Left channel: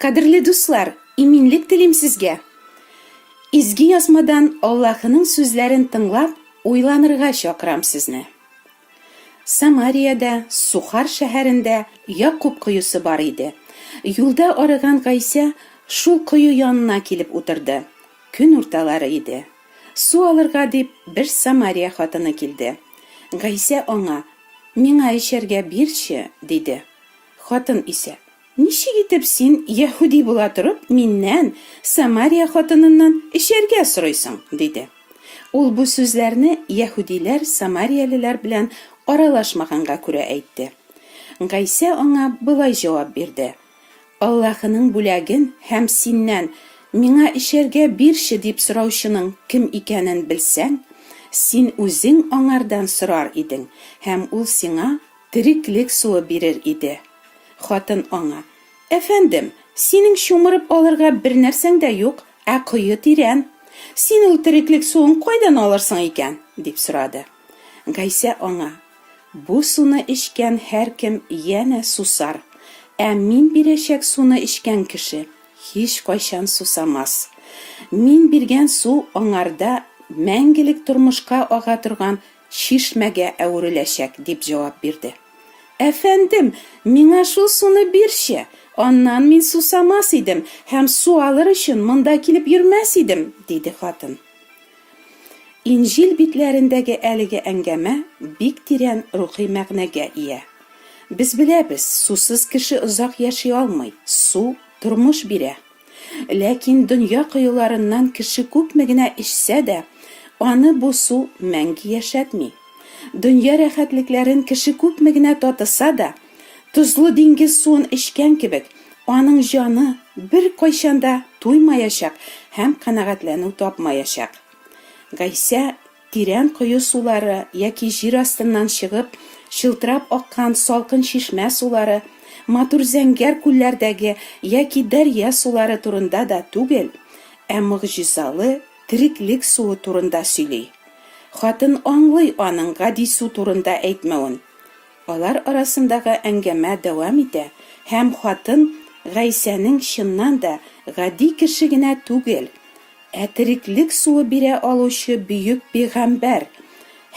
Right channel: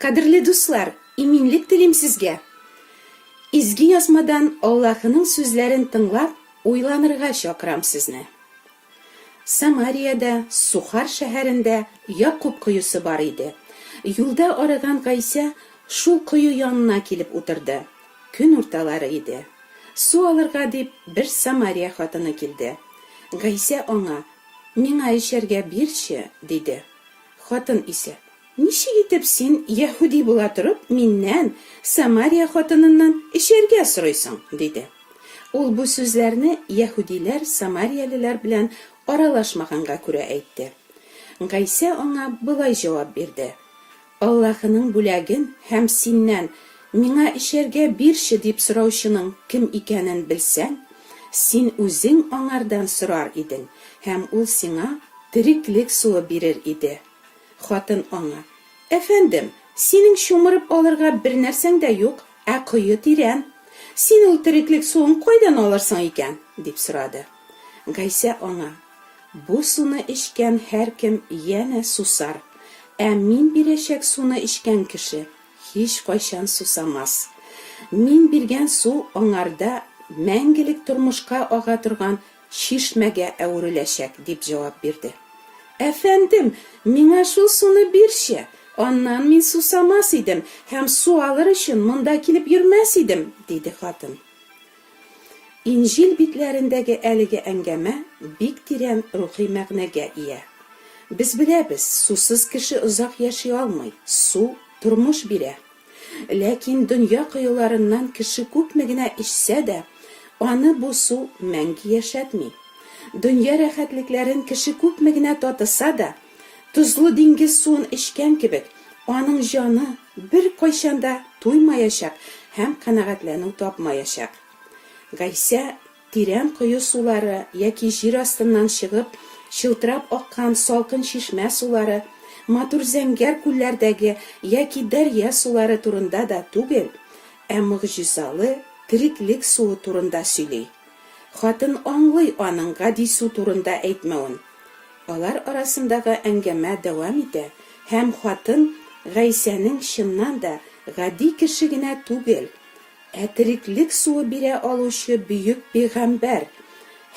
Кадерле дуслар, иминлек телим сезгә. Изге язмадан Аллаһының сүзләрен тыңлап, уйланырга чакырам сезне. Самариядә, Сухар шәһәрендә Якуб коесы бар иде. Юлда арыган Гайсә шул кое янына килеп утырды. Көн урталары иде. Су алырга дип бер Самария хатыны килде. Гайсә аңа: "Миңа эчәргә бирче", диде. Хатын исә: "Ничек итеп син, яһуди була торып, миннән, Самария хатыныннан эчәргә сорыйсың?" диде. Ул бу сүзләрне яһудиләр самариялеләр белән аралашмаганга күрә әйтте. Гайсә аңа былай җавап бирде: "Аллаһының бүләген һәм синнән миңа эчәргә бирче дип сораучының кем икәнен белсәң, син үзең аңардан сорар идең, һәм ул сиңа тереклек суы бирер иде." Хатын аңа: "Әфәндем, синең шумырып алырга бер нәрсәң дә юк, ә кое тирән. Син ул тереклек суын кайдан алырсың икән?" дип сорады. Гайсә аңа: "Бу суны эчкән һәркем янә сусар, ә мин бирәчәк суны эчкән кеше һич кайчан сусамас. Мин биргән су аңарда мәңгелек тормышка ага торган чишмәгә әвереләчәк", дип җавап бирде. "Әфәндем, миңа шул суны бирче, аннан мин сусамас идем һәм су алыр өчен монда килеп йөрмәс идем", диде хатын. Инҗил битләрендәге әлеге әңгәмә бик тирән рухи мәгънәгә ия. Без беләбез, сусыз кеше озак яши алмый, су тормыш бирә. Ләкин дөнья коеларыннан кеше күпме генә эчсә дә, аны бу су мәңге яшәтми. Дөнья рәхәтлекләрен кеше күпме генә татыса да, тозлы диңгез суын эчкән кебек, аның җаны бер кайчанда туймаячак һәм канәгатьләнү тапмаячак. Гайсә тирән кое сулары яки җир астыннан чыгып, чылтырап аккан салкын чишмә сулары, матур зәңгәр күлләрдәге яки дәрья сулары турында да түгел, ә мөгъҗизалы тереклек суы турында сөйли. Хатын аңлый аның гади су турында әйтмәвен. Алар арасындагы әңгәмә дәвам итә, һәм хатын Гайсәнең чыннан да гади кеше генә түгел, ә тереклек суы бирә алучы бөек пәйгамбәр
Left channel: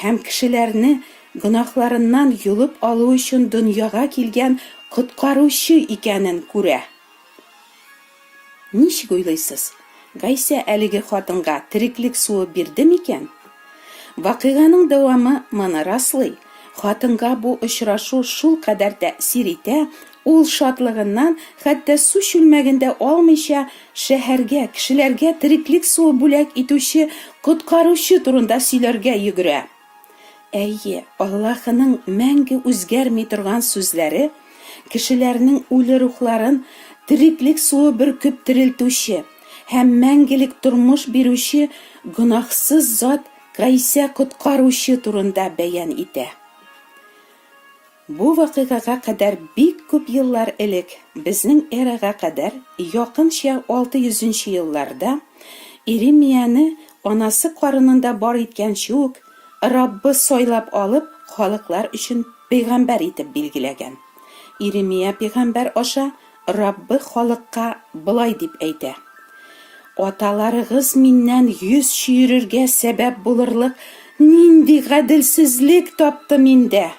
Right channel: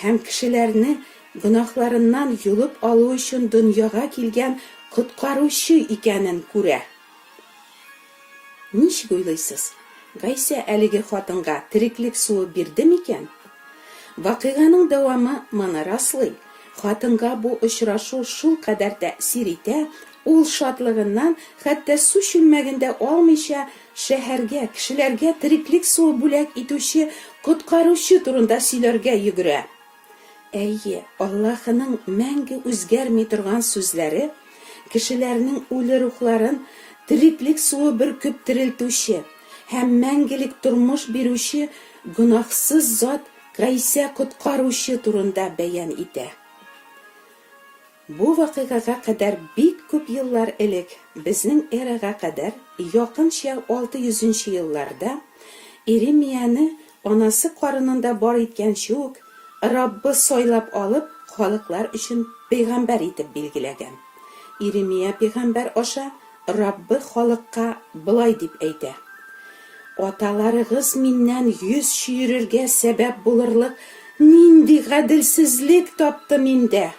һәм кешеләрне гөнаһларыннан юлып алу өчен дөньяга килгән коткаручы икәнен күрә. Ничек уйлыйсыз? Гайсә әлеге хатынга тереклек суы бирде микән? Вакыйганың дәвамы моны раслый. Хатынга бу очрашу шул кадәр тәэсир итә, ул шатлыгыннан хәтта су чүлмәгендә алмыйча шәһәргә, кешеләргә тереклек суы бүләк итүче коткаручы турында сөйләргә йөгерә. Әйе, Аллаһының мәңге үзгәрми торган сүзләре кешеләрнең үле рухларын тереклек суы бөркеп терелтүче һәм мәңгелек тормыш бирүче гөнаһсыз зат Гайсә коткаручы турында бәян итә. Бу вакыйгага кадәр бик күп еллар элек, безнең эрага кадәр, якынча 600 елларда, Иремияне анасы карынында бар иткәнче үк Раббы сайлап алып, халыклар өчен пәйгамбәр итеп билгеләгән. Иремия пәйгамбәр аша Раббы халыкка былай дип әйтә: "Аталарыгыз миннән йөз чөйрергә сәбәп булырлык нинди гаделсезлек тапты миндә."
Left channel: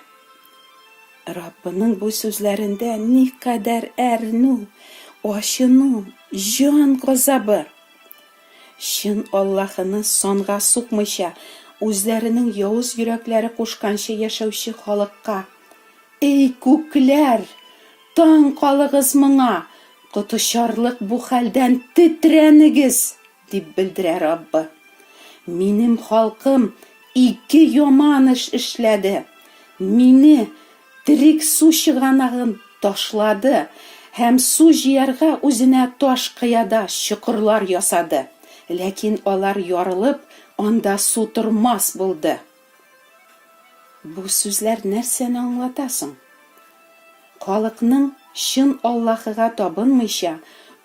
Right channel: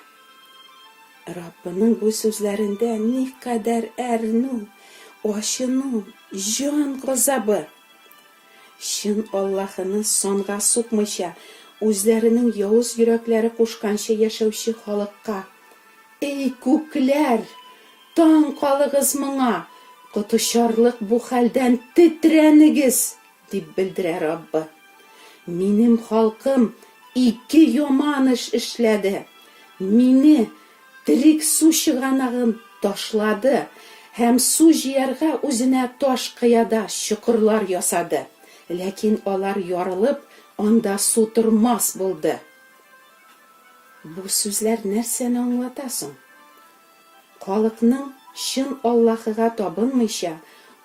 Раббының бу сүзләрендә никадәр әрнү, ачыну, җан газабы. Чын Аллаһыны санга сукмыйча, үзләренең явыз йөрәкләре кушканча яшәүче халыкка: "Эй күкләр, таң калыгыз моңа, тотышарлык бу хәлдән тетрәнегез", дип белдерә Раббы. "Минем халкым 2 яман эш эшләде. Мине терек су чыганагын ташлады һәм су җыярга үзенә таш кыяда чокырлар ясады. Ләкин алар ярылып, анда су тормас булды." Бу сүзләр нәрсәне аңлатасың? Халыкның чын Аллаһыга табынмыйча,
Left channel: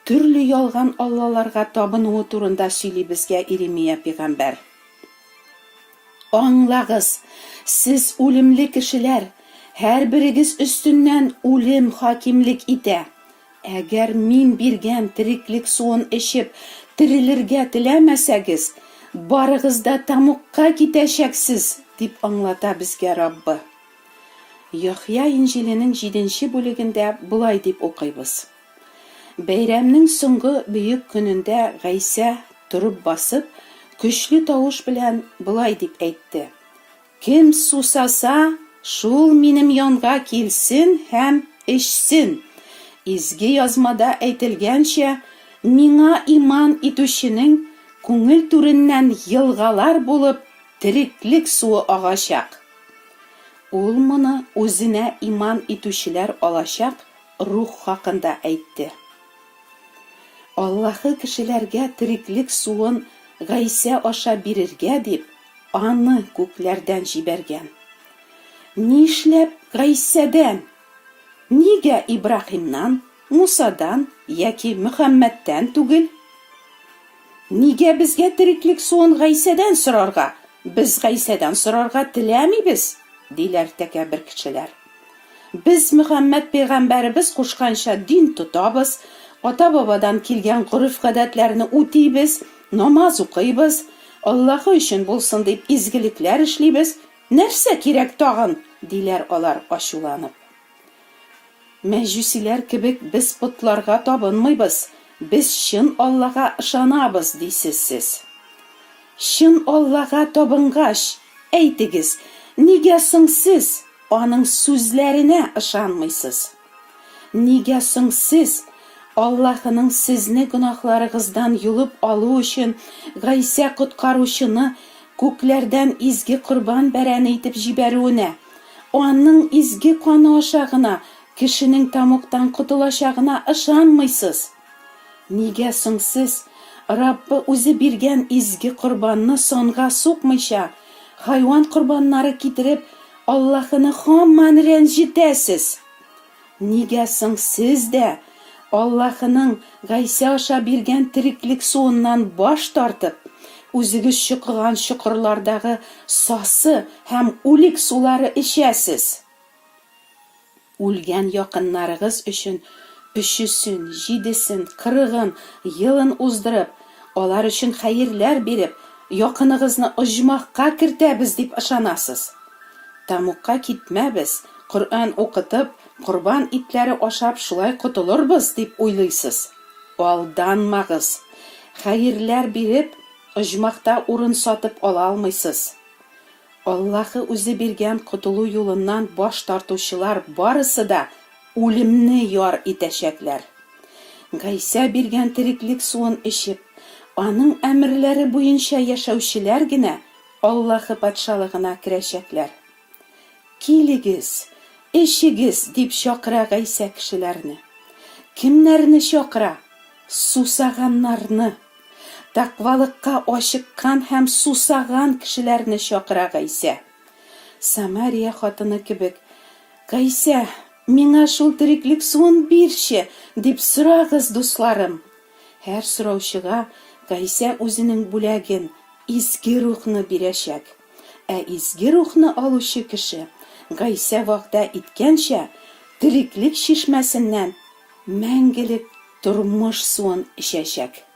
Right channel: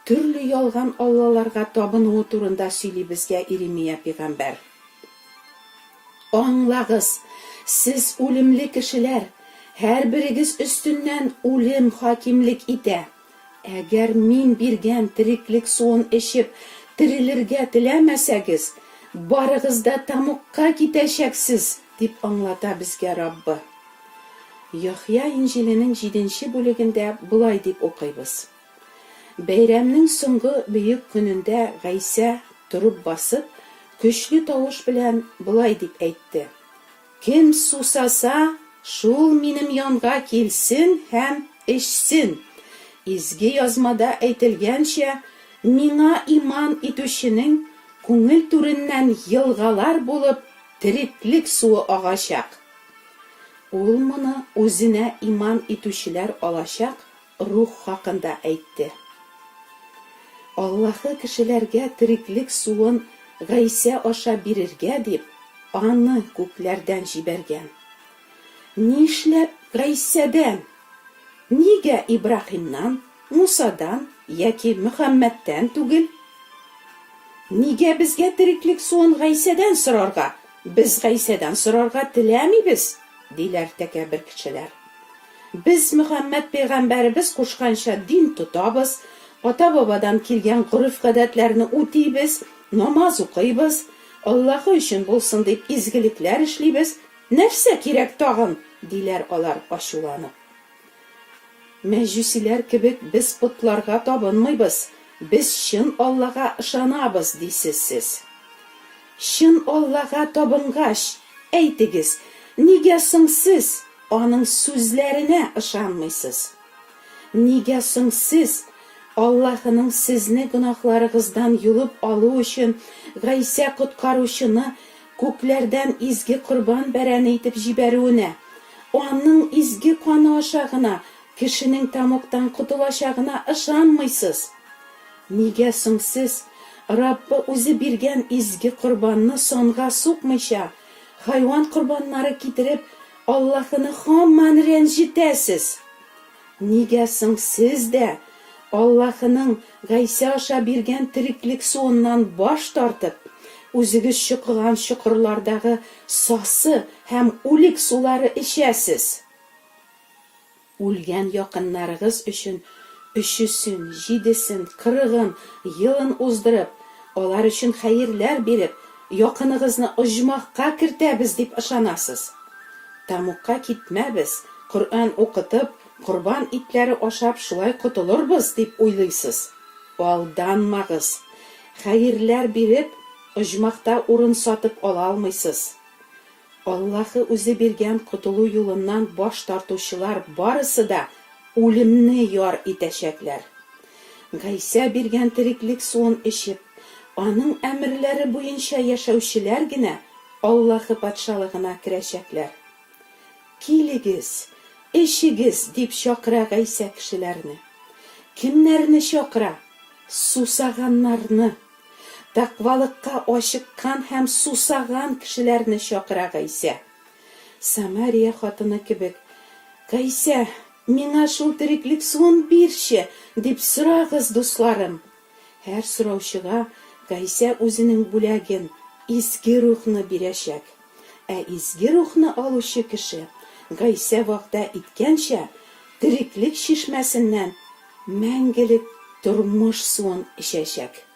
төрле ялган аллаларга табынуы турында сөйли безгә Иремия пәйгамбәр. "Аңлагыз, сез үлемле кешеләр, һәрберегез өстеннән үлем хакимлек итә. Әгәр мин биргән тереклек суын эчеп терелергә теләмәсәгез, барыгыз да тамукка китәчәксез, дип аңлата безгә Раббы. Яхья Инҗиленең 7-нче бүлегендә булай дип укыйбыз. Бәйрәмнең соңгы бөек көнендә Гайса турып басып, көчле тавыш белән булай дип әйтте: "Кем сусаса, шул минем янга килсен һәм эчсен. Изге язмада әйтелгәнчә, миңа иман итүченең күңел түреннән елгалар булып тереклек суы агачак." Ул моны үзенә иман итүчеләр алачак рух хакында әйтте. Аллаһы кешеләргә тереклек суын Гайса аша бирергә дип, аны күкләрдән җибәргән. Нишләп Гайсәдән? Нигә Ибраһимнан, Мусадан яки Мөхәммәдтән түгел? Нигә безгә тереклек суын Гайсәдән сорарга? Без Гайсәдән сорарга теләмибез, диләр тәкәббер кешеләр. Без Мөхәммәд пәйгамбәребез кушканча дин тотабыз, ата-бабадан килгән гореф-гадәтләрне үтибез, намаз укыйбыз, Аллаһы өчен булсын дип изгелекләр эшлибез. Нәрсә кирәк тагын? Диләр алар ачуланып. Мәҗүсиләр кебек без путларга табынмыйбыз, без чын Аллага ышанабыз, дисез сез. Чын Аллага табынгач, әйтегез, нигә соң сез аның сүзләренә ышанмыйсыз? Нигә соң сез Аллаһының сезне гөнаһларыгыздан юлып алу өчен Гайса коткаручыны күкләрдән изге корбан бәрәне итеп җибәрүенә, аның изге каны аша гына кешенең тамуктан котылачагына ышанмыйсыз? Нигә соң сез Раббы үзе биргән изге корбанны сонга сукмыйча, хайван корбаннары китереп, Аллаһыны һаман рәнҗетәсез? Нигә соң сез дә Аллаһының Гайса аша биргән тереклек суыннан баш тартып, үзегез чукыган чокырлардагы сасы һәм үлек сулары эчәсез? Үлгән якыннарыгыз өчен 300-сен, 7-сен, 40-ын, елын уздырып, алар өчен хәерләр биреп, якыныгызны оҗмахка кертәбез дип ышанасыз. Тамукка китмәбез, Коръән укытып, корбан итләре ашап шулай котылырбыз дип уйлыйсыз. Алданмагыз. Хәерләр биреп, оҗмахта урын сатып ала алмыйсыз. Аллаһы үзе биргән котылу юлыннан баш тартучылар барысы да үлемне яр итәчәкләр. Гайса биргән тереклек суын эчеп, аның әмерләре буенча яшәүчеләр генә Аллаһы патшалыгына керәчәкләр. Килегез, эчегез дип чакыра Гайса кешеләрне. Кемнәрне чакыра? Сусаганнарны. Тақвалыкка ашыккан һәм сусаган кешеләрне чакыра Гайса. Самария хатыны кебек: "Гайса, миңа шул тереклек суын бирче", дип сорагыз, дусларым. Һәр сораучыга Гайса үзенең бүләген, изге рухны бирәчәк. Ә изге рухны алучы кеше Гайса вәгъдә иткәнчә тереклек чишмәсеннән мәңгелек тормыш суын эчәчәк.